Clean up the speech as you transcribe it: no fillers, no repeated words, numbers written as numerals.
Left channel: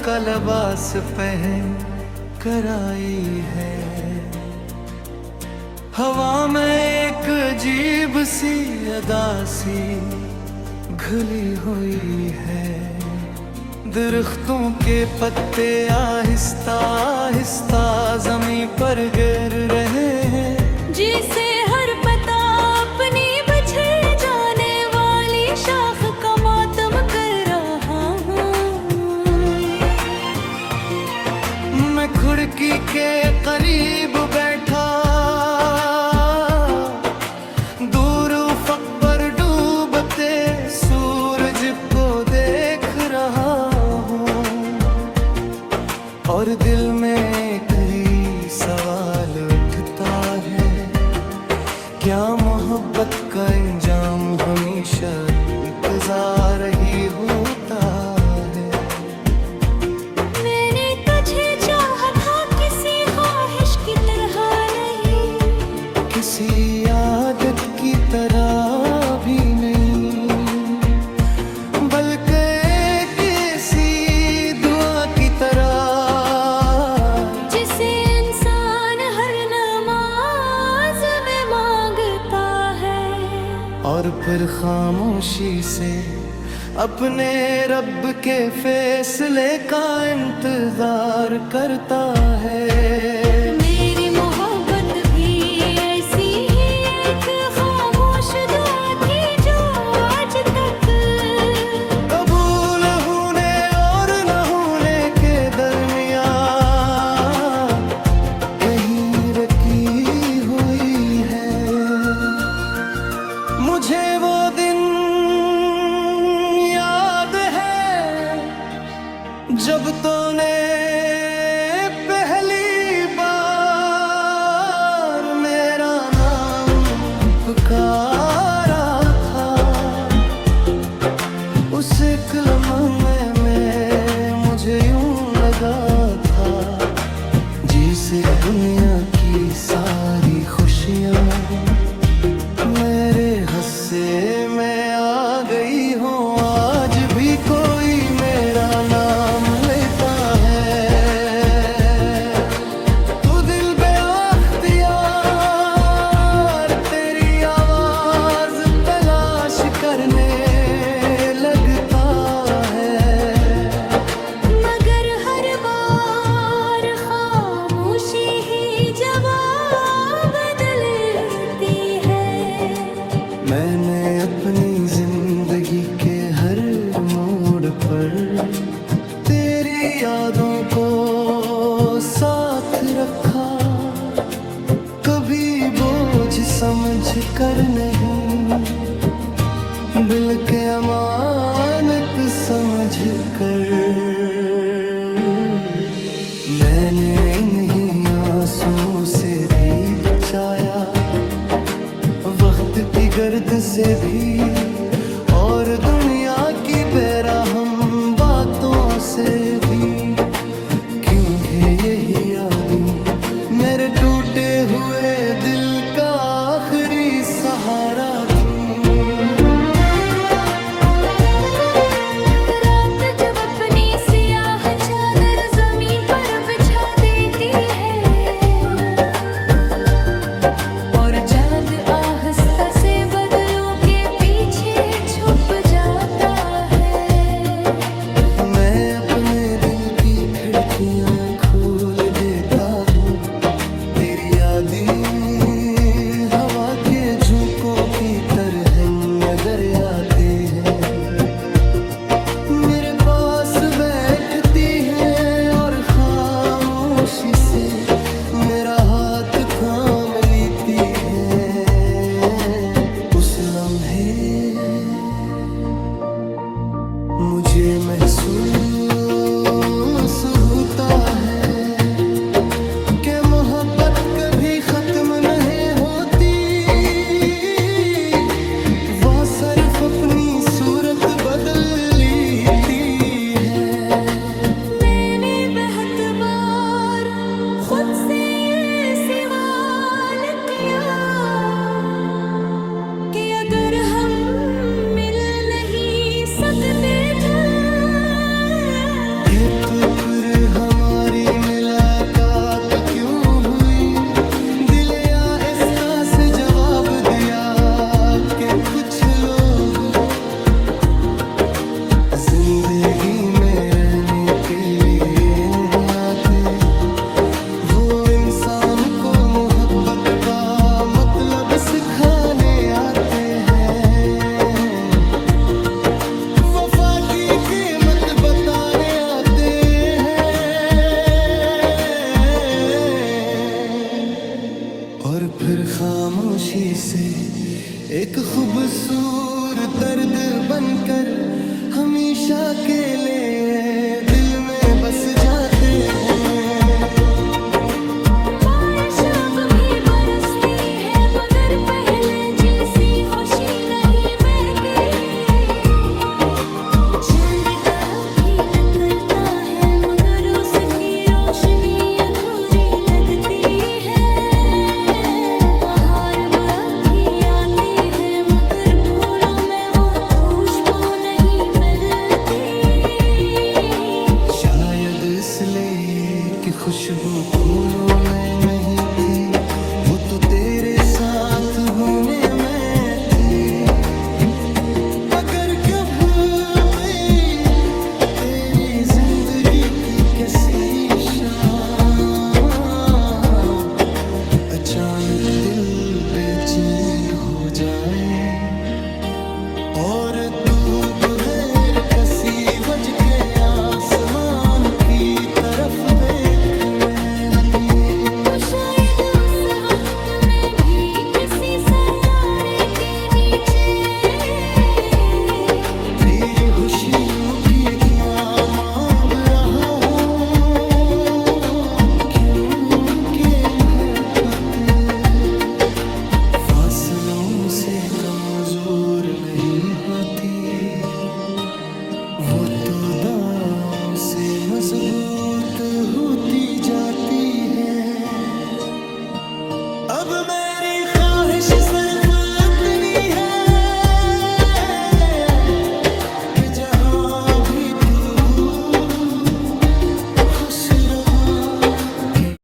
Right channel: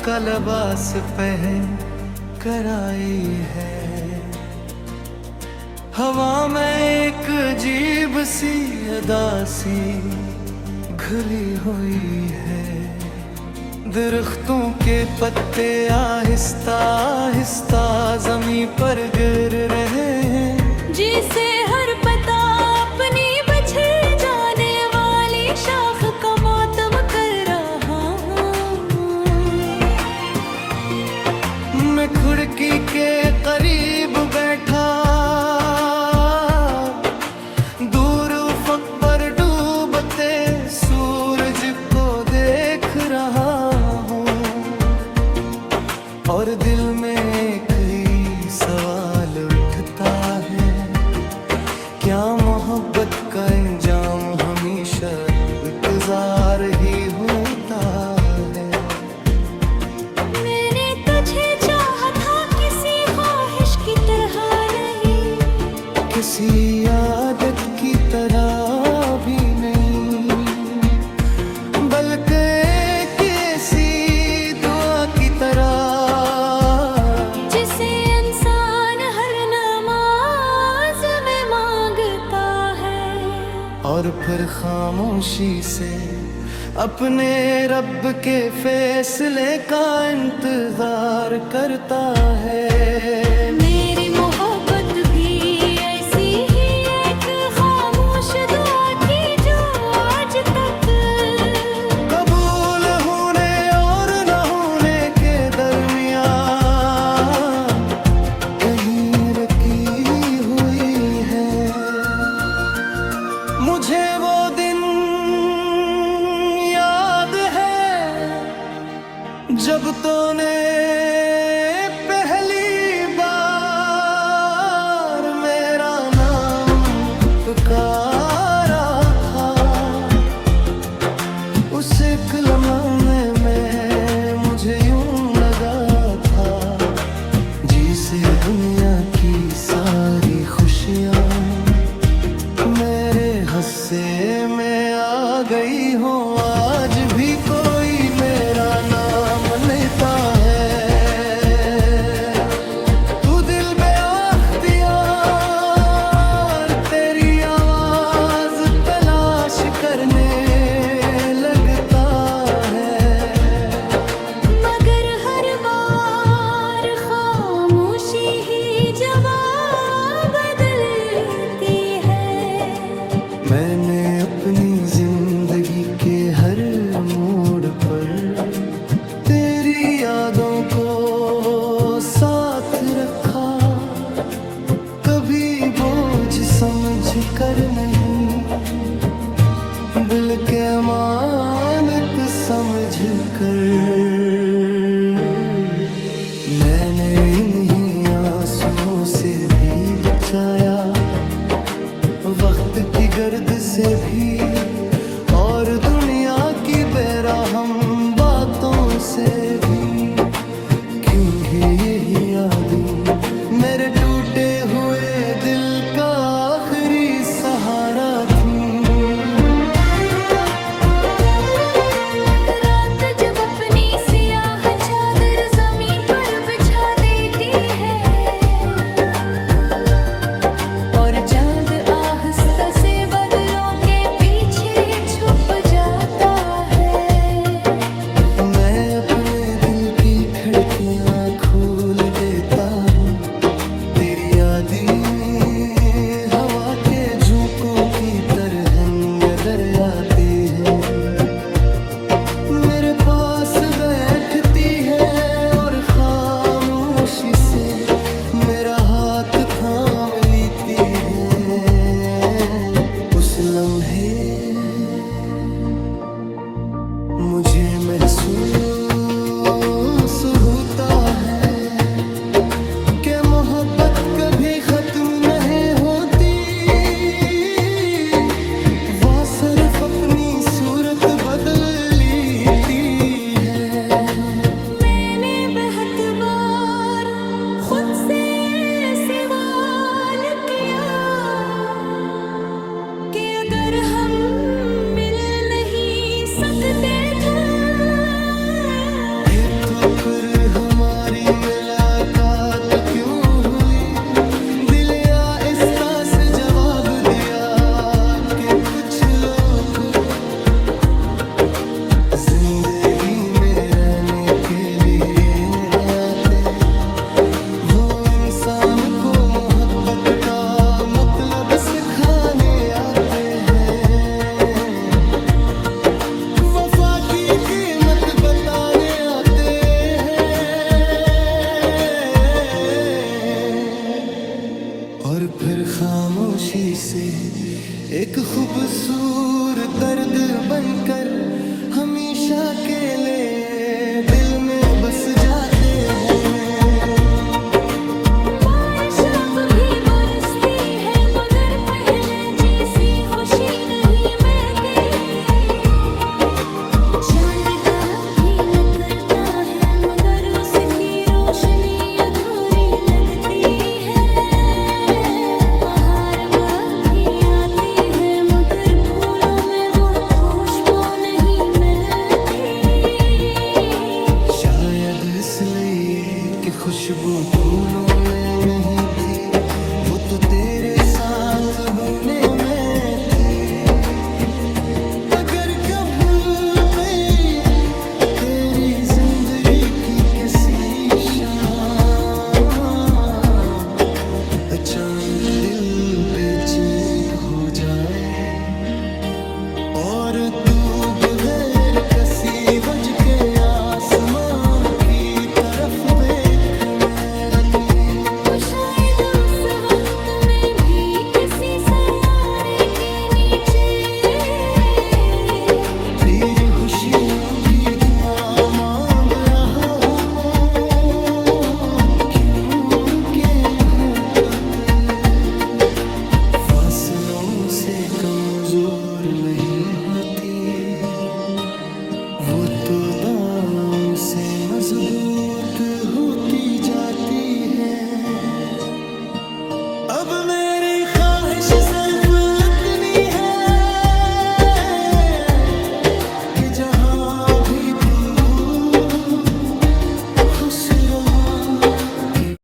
का लिबास पहन कर आई है। हवा में एक अजीब सी अदा सी घुली हुई है। दरख्तों के पत्ते आहिस्ता आहिस्ता जमीन पर गिर रहे हैं। जिसे हर पता अपनी बिछड़ जाने वाली शाख का मातम कर रहा हूँ। मैं खिड़की के करीब बैठा दूर उफ़क़ पर डूबते सूरज को देख रहा हूँ। और दिल में एक ही सवाल उठता है, क्या मोहब्बत का अंजाम हमेशा इंतजार ही होता है। मैंने तुझे चाहा था किसी ख्वाहिश की तरह नहीं, किसी आदत की तरह भी नहीं, बल्कि किसी दुआ की तरह जिसे इंसान हर नमाज में मांगता है। और फिर खामोशी से अपने रब के फैसले का इंतजार करता है। मेरी मोहब्बत भी ऐसी ही एक खामोश दुआ थी जो आज तक कबूल होने और न होने के दरमियान कहीं रखी हुई है। मुझे वो दिन याद है जब तूने पहली बार मेरा नाम पुकारा था। उस एक लम्हे में मुझे यूं लगा था जिसे दुनिया की सारी खुशियाँ मेरे हिस्से में आ गई हो। आज भी कोई मेरा नाम लेता है। तू दिल बेअख्तियार तेरी आवाज तलाश करने लगता है। मगर हर बार खामोशी ही जवाब बदलती है। मैंने अपनी जिंदगी के हर मोड़ पर तेरी यादों को साथ रखा, कभी बोझ समझ कर नहीं बल्कि अमानत समझ कर। मैंने इन्हीं आंसुओं से भी बचाया, वक्त की गर्द से भी और दुनिया की बेरहम बातों से भी। क्योंकि यही यादें मेरे टूटे हुए दिल का आखिरी सहारा थी। रात जब अपनी सियाह चादर जमीन पर बिछा देती है और चांद आहिस्ता से बादलों के पीछे छुप जाता है। मैं अपने दिल की खिड़कियां खोल देता हूँ। तेरी यादें हवा के झोंकों की तरह दर आते हैं। मेरे पास बैठती है और खामोशी से मेरा हाथ थाम लेती है। उस लम्हे मुझे महसूस होता है कि मोहब्बत कभी खत्म नहीं होती, वह सिर्फ अपनी सूरत बदल लेती है। मैंने बहुत बार खुद से ये सवाल किया कि अगर हम मिल नहीं सकते थे तो फिर हमारी मुलाकात क्यों हुई? दिल आहिस्ता से जवाब दिया कि कुछ लोग जिंदगी में रहने के लिए आते, वो इंसान को मोहब्बत का मतलब सिखाने आते हैं, वफा की कीमत बताने आते हैं, और फिर खामोशी से एक खूबसूरत दर्द बनकर हमेशा के लिए दिल में बस जाते हैं। बारिश अब भी बरसती है मगर पहले जैसी खुशी नहीं मिलती। चांद का भी निकलता है मगर उसकी रोशनी अधूरी लगती है। बहार अब भी आती है मगर फूलों में वो खुशबू नहीं मिलती। शायद इसलिए कि खुशबू फूलों में नहीं थी, वो तो तेरे साथ होने में थी। अगर कभी गई तेरी जिंदगी की कैसी शाम, अचानक दिल बेचैन हो जाए और तू बगैर किसी वजह के आसमान की तरफ देखने लगी। तो शायद उस वक्त में भी किसी सितारे के नीचे तेरी खुशियों की दुआ मांग रहा हूँ, क्योंकि मोहब्बत फासलों से कमजोर नहीं होती, वो तो दांव से मजबूत होती जाती है। अब मेरी ख्वाहिश सिर्फ